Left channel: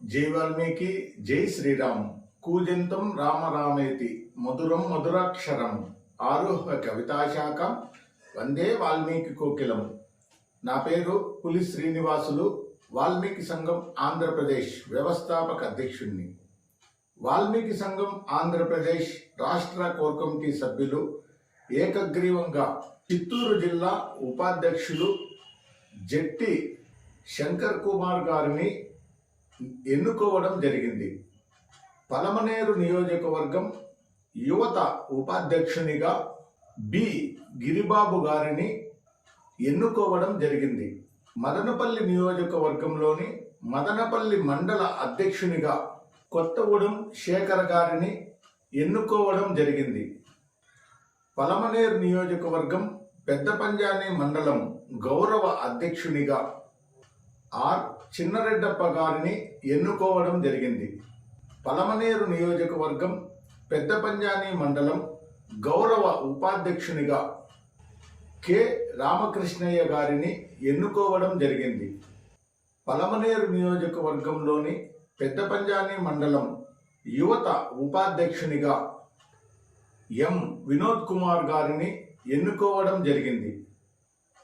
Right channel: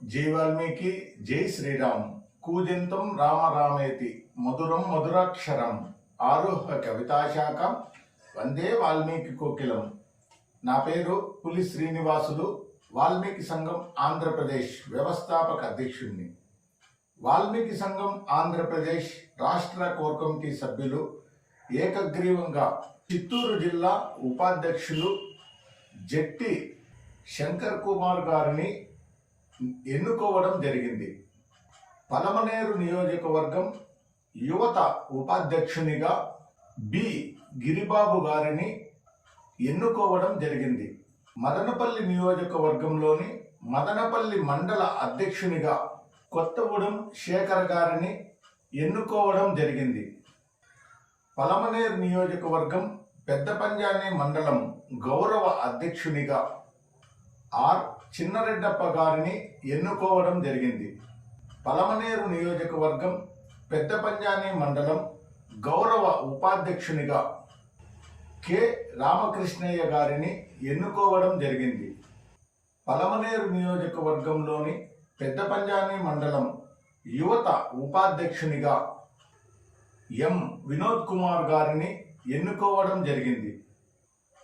జై వాల్మీకి జై శ్రీరామ్. కూజంతం రామ రామేతి మధురం మధురాక్షరం ఆరుహ కవితాశాఖం వందే వాల్మీకి కోకిలం. నా పేరు పులి శ్రీనివాసులు. వాల్మీకి సంఘం ఆంధ్రప్రదేశ్ వ్యవస్థాపక అధ్యక్షుడిని. వాల్మీకి సంఘం ఆంధ్రప్రదేశ్ రాష్ట్ర కోర్ కమిటీ సభ్యులు ఏకగ్రీవంగా చిత్తూరు జిల్లా ఉపాధ్యక్షులు జట్టి శంకర్ కుమార్ గారిని ఎన్నుకోవడం జరిగింది. పలమనేరు నియోజకవర్గం యువత ఉపాధ్యక్షునిగా బి గిరిబాబు గారిని ఎన్నుకోవడం జరిగింది. మదనపల్లి నియోజకవర్గంలోని మదనపల్లి మండల అధ్యక్షునిగా కొత్తగూడెం శేఖర్ గారిని ఎన్నుకోవడం జరిగింది. పలమనేరు నియోజకవర్గం పెద్దపంజాని మండలం గౌరవ అధ్యక్షునిగా ఆర్ చిన్నరెడ్డప్ప గారిని ఎన్నుకోవడం జరిగింది. పలమనేరు నియోజకవర్గం పెద్దపంజాని మండలం గౌరవ ఉపాధ్యక్షునిగా కె రామకృష్ణయ్య గారిని ఎన్నుకోవడం జరిగింది. పలమనేరు నియోజకవర్గంలోని పెద్దపంజాని మండలం యువత ఉపాధ్యక్షునిగా ఎం వినోద్ కుమార్ గారిని ఎన్నుకోవడం జరిగింది.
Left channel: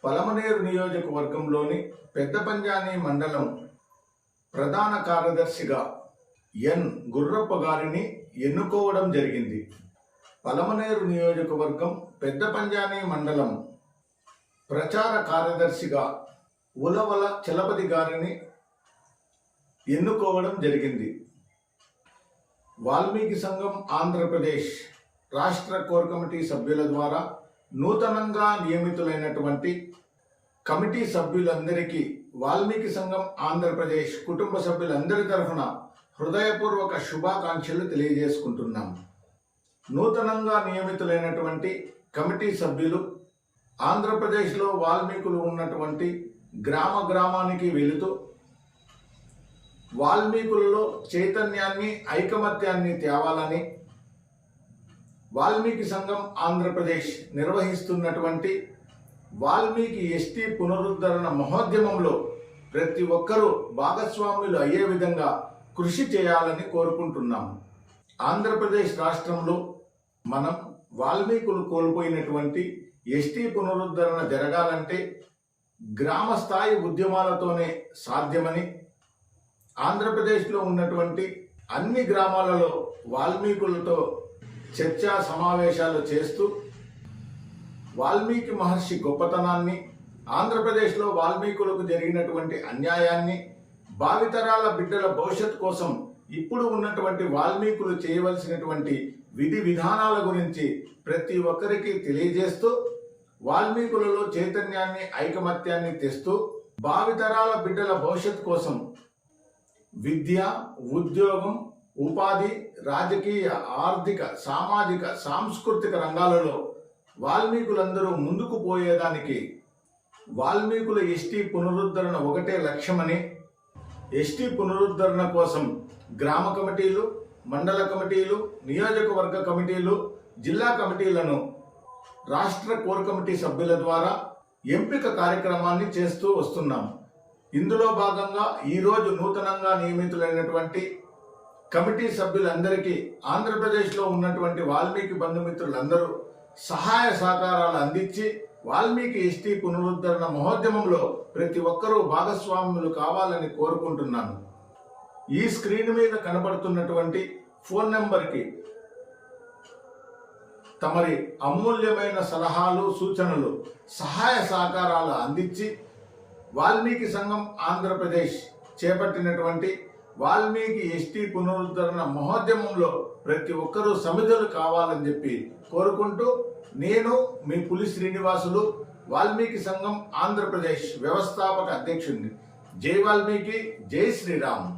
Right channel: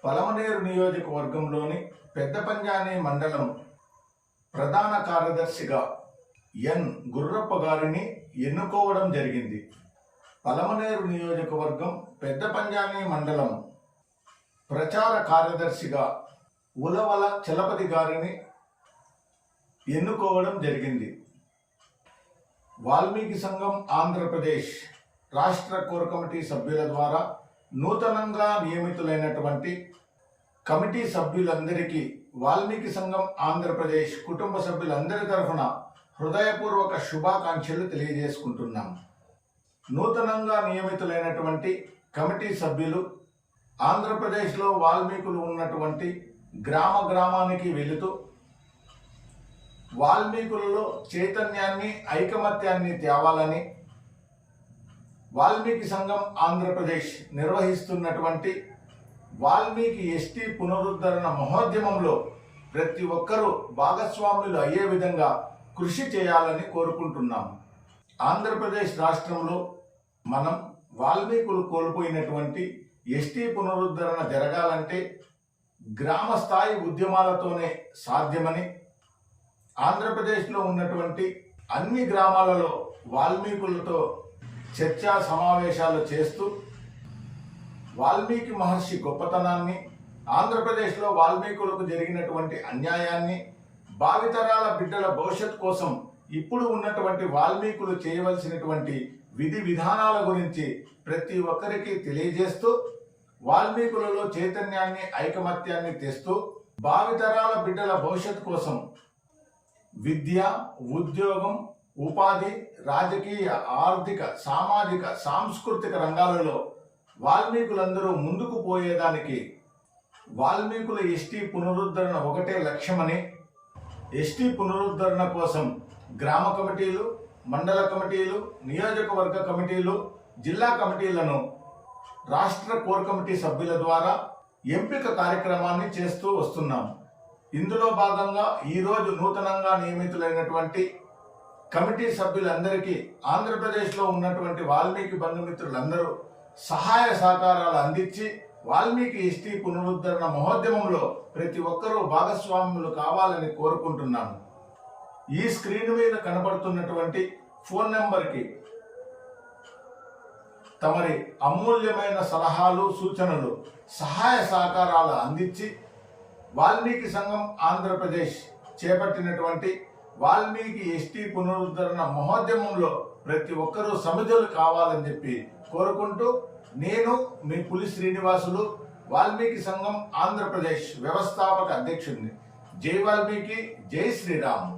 పలమనేరు నియోజకవర్గంలోని పెద్దపంజాని మండలం ప్రధాన కార్యదర్శిగా ఎన్ గుర్రప్ప గారిని ఎన్నుకోవడం జరిగింది. పలమనేరు నియోజకవర్గం పెద్దపంజాని మండలం ప్రచార కార్యదర్శిగా ఉలవల చలపతి గారిని ఎన్నుకోవడం జరిగింది. వాల్మీకి సంఘం ఆంధ్రప్రదేశ్ రాష్ట్ర కోర్ కమిటీ సభ్యుల ద్వారా నూతనంగా నియమితులైనటువంటి కమిటీ సభ్యులందరికీ వాల్మీకి సంఘం ఆంధ్రప్రదేశ్ కుటుంబ సభ్యులందరి తరఫున హృదయపూర్వక శుభాకాంక్షలు తెలియజేసుకుంటున్నాం. నూతనంగా నియమితులైనటువంటి కమిటీ సభ్యులు ఆంధ్రప్రదేశ్లో వాల్మీకులు ఉన్నటువంటి గ్రామానికి వెళుతూ వాల్మీకులలో చైతన్యాన్ని ఐకమత్యాన్ని తేవాలని వాల్మీకి సంఘం ఆంధ్రప్రదేశ్ నిర్వహిస్తున్నటువంటి వాల్మీకి ఎస్టీ పునరుద్ధరణ మహోద్యమంలో ప్రతి ఒక్కరూ భాగస్వాములు అయ్యే విధంగా కృషి చేయాలని కోరుకుంటున్నాము. ఆంధ్రప్రదేశ్ రాష్ట్రంలో మనం వాల్మీకులు కోల్పోయినటువంటి ఎస్టీ పునరుద్ధరణ జరగాలంటే గ్రామ స్థాయి ఉద్యమాలతోనే సాధ్యమని, ఆంధ్రప్రదేశ్లో ఉన్నటువంటి అన్ని గ్రామాలలో వాల్మీకులతో చర్చా సమావేశాలు చేస్తూ వాల్మీకి మహర్షి గొప్పతనాన్ని, ఆంధ్రప్రదేశ్లో వాల్మీకులకు జరిగినటువంటి అన్యాయాన్ని, భావితరాల బిడ్డల భవిష్యత్ కోసం ఇప్పుడు ఉన్నటువంటి వాల్మీకులు చేయవలసినటువంటి విధి విధానాల గురించి ప్రతి ఒక్కరికి తెలియజేస్తూ వాల్మీకులలో చైతన్యాన్ని ఐకమత్యాన్ని తెస్తూ భావితరాల బిడ్డల భవిష్యత్ కోసం విద్య, ఉద్యోగం, ఉపాధి, రాజకీయ, ఆర్థిక, సామాజిక, సాంస్కృతిక రంగాలలో వాల్మీకులందరూ ముందుకు పోయేదానికి వాల్మీకుల ఎస్టీ పునరుద్ధరణ ఒకటే లక్ష్యమని, ఎస్టీ పునరుద్ధరణ కోసం గ్రామ కమిటీలు, మండల కమిటీలు, నియోజకవర్గ కమిటీలు, జిల్లా కమిటీలను రాష్ట్ర కోర్ కమిటీ సభ్యుల ద్వారా ఎంపిక కార్యక్రమాన్ని చేస్తూ వస్తున్నాం. ఇందులో భాగంగా ఈరోజు నూతనంగా నియమితులైనటువంటి కమిటీ సభ్యులందరికీ ఆంధ్రప్రదేశ్లో ఉన్నటువంటి వాల్మీకి బంధుమిత్రులందరూ సహాయ సహకారాలు అందించి వాల్మీకి ఎస్టీ పునరుద్ధరణ మహోద్యమంలో ప్రతి ఒక్కరూ భాగస్వాములు కావాలని కోరుకుంటున్నాను. ఈ స్క్రీన్ మీద కనబడుతున్నటువంటి ఫోన్ నెంబర్కి తమరి అమూల్యమైన సలహాలు, సూచనలు, సహాయ సహకారాలు అందించి వాల్మీకి సంఘం ఆంధ్రప్రదేశ్ చేపట్టినటువంటి వాల్మీకి ఎస్టీ పునరుద్ధరణ మహోద్యమంలో ప్రతి ఒక్కరూ సమిధులు కావాలని చెప్పి కోరుకుంటూ, నేను మీ పులి శ్రీనివాసులు, వాల్మీకి సంఘం ఆంధ్రప్రదేశ్ వ్యవస్థాపక అధ్యక్షుడిని. జై వాల్మీకి, జై శ్రీరామ్.